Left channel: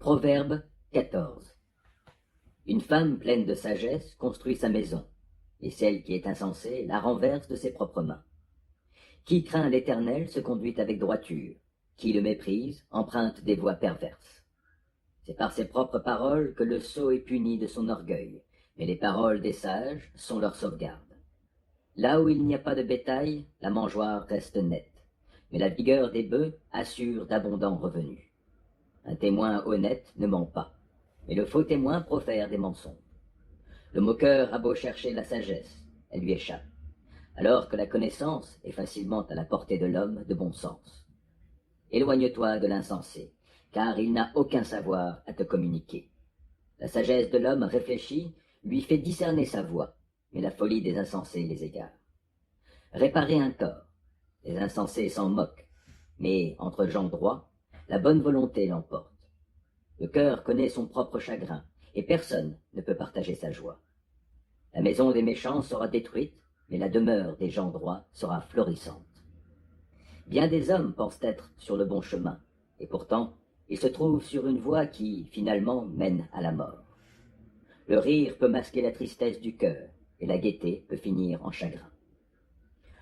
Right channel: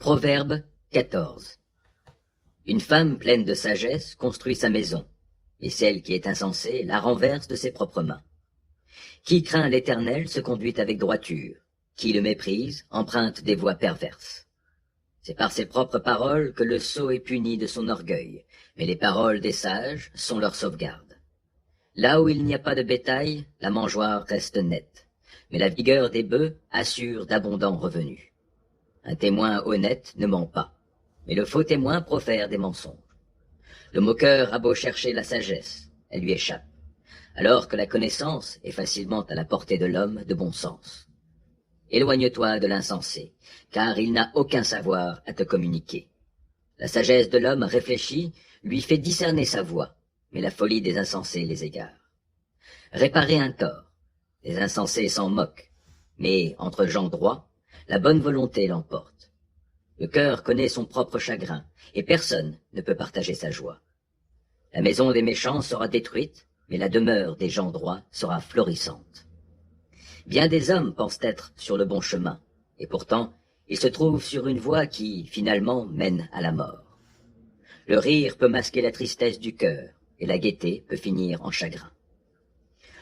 Proverbe 14. Une femme pleine de sagesse construit sa maison, et celle qui est insensée la renverse de ses propres mains. Qui craint l'Éternel se conduit avec droiture, qui le méprise emprunte des voies perverses. C'est par ses propres paroles que le sot est puni de son orgueil, mais les paroles des sages sont leur sauvegarde. Là où il n'y a pas de bétail, la mangeoire reste nette, mais la vigueur des bœufs assure d'abondants revenus. Un témoin honnête ne ment pas, mais le faux témoin profère des mensonges. Le moqueur a beau chercher la sagesse, elle lui échappe, alors que la connaissance est facilement à la portée de l'homme de bon sens. Éloigne-toi de l'insensé, car il n'a aucun savoir à te communiquer. La sagesse de l'homme réfléchi lui fait discerner sa voie, mais la folie des insensés les égare. Réparer un tort, les insensés s'en moquent, mais entre gens droits, la bonne volonté l'emporte. Le cœur connaît son propre chagrin, et personne ne peut partager sa joie. La maison des méchants sera détruite, mais la demeure des gens droits sera florissante. Bien des hommes pensent être sur le bon chemin, et pourtant, ils se trouvent sur une voie qui, finalement, mène à la mort. Le rire peut masquer la tristesse du cœur, et la gaieté peut finir en chagrin.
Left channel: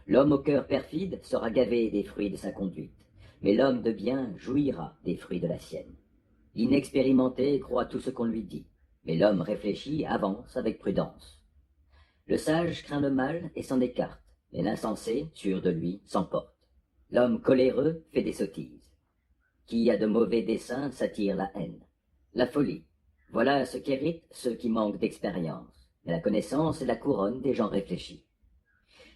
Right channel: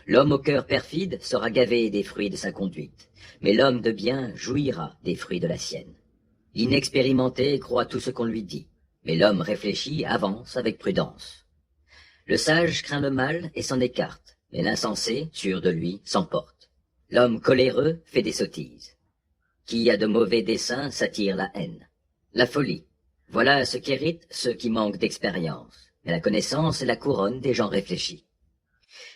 L'homme au cœur perfide sera gavé des fruits de sa conduite, mais l'homme de bien jouira des fruits de la sienne. L'inexpérimenté croit tout ce qu'on lui dit, mais l'homme réfléchi avance avec prudence. Le sage craint le mal et s'en écarte, mais l'insensé, sûr de lui, s'emporte. L'homme coléreux fait des sottises. Qui a de mauvais desseins s'attire la haine. La folie, voilà ce qu'héritent ceux qui manquent d'expérience, mais la connaissance est la couronne des gens réfléchis.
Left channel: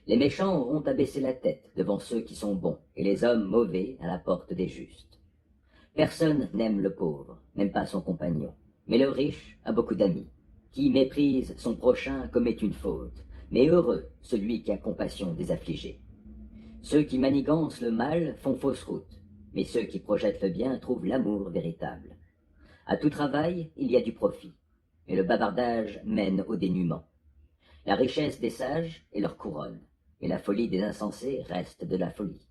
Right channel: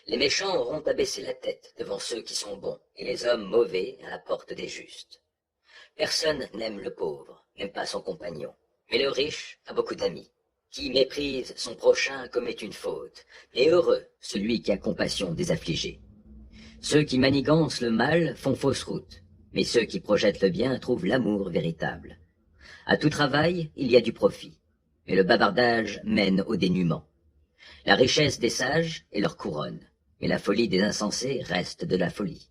Les méchants auront à baisser la tête devant ceux qui sont bons, et les hommes mauvais à la porte des justes. Personne n'aime le pauvre, même pas son compagnon, mais le riche a beaucoup d'amis. Qui méprise son prochain commet une faute, mais heureux celui qui a compassion des affligés. Ceux qui manigancent le mal font fausse route, mais ceux qui projettent le bien trouvent l'amour véritable. À tout travail, il y a du profit, mais le bavardage mène au dénuement. La richesse des sages est leur couronne, mais la folie des insensés reste de la folie.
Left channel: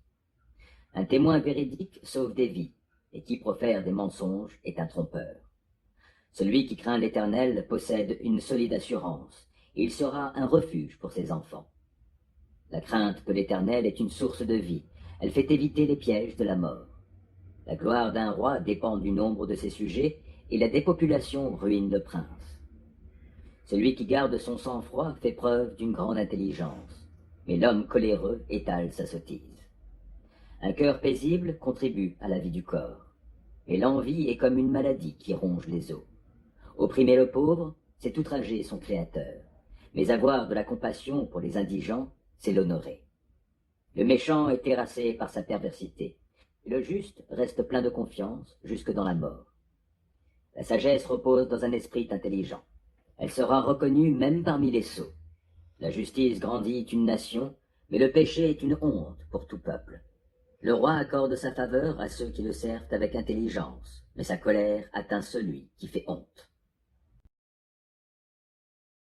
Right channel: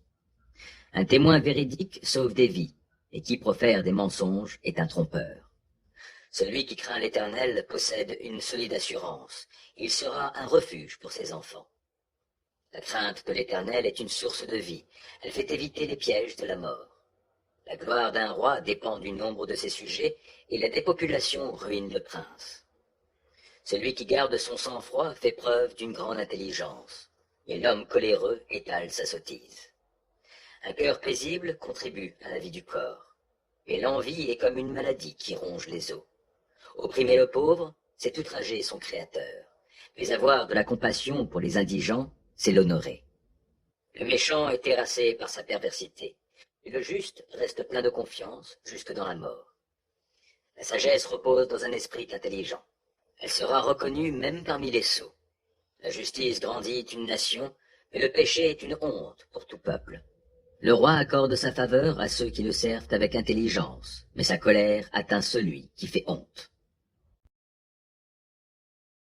Un témoin véridique sauve des vies, et qui profère des mensonges est un trompeur. Celui qui craint l'Éternel possède une solide assurance, et il sera un refuge pour ses enfants. La crainte de l'Éternel est une source de vie, elle fait éviter les pièges de la mort. La gloire d'un roi dépend du nombre de ses sujets, et la dépopulation ruine le prince. Celui qui garde son sang-froid fait preuve d'une grande intelligence, mais l'homme coléreux étale sa sottise. Un cœur paisible contribue à la vie du corps, et l'envie est comme une maladie qui ronge les os. Opprimer le pauvre, c'est outrager son Créateur, mais avoir de la compassion pour les indigents, c'est l'honorer. Le méchant est terrassé par sa perversité, et le juste reste plein de confiance jusque dans la mort. La sagesse repose dans un esprit intelligent. Elle sera reconnue même parmi les sots. La justice grandit une nation, mais le péché est une honte pour tout peuple. Le roi accorde sa faveur à ceux qui le servent avec intelligence, mais sa colère atteint celui qui fait honte.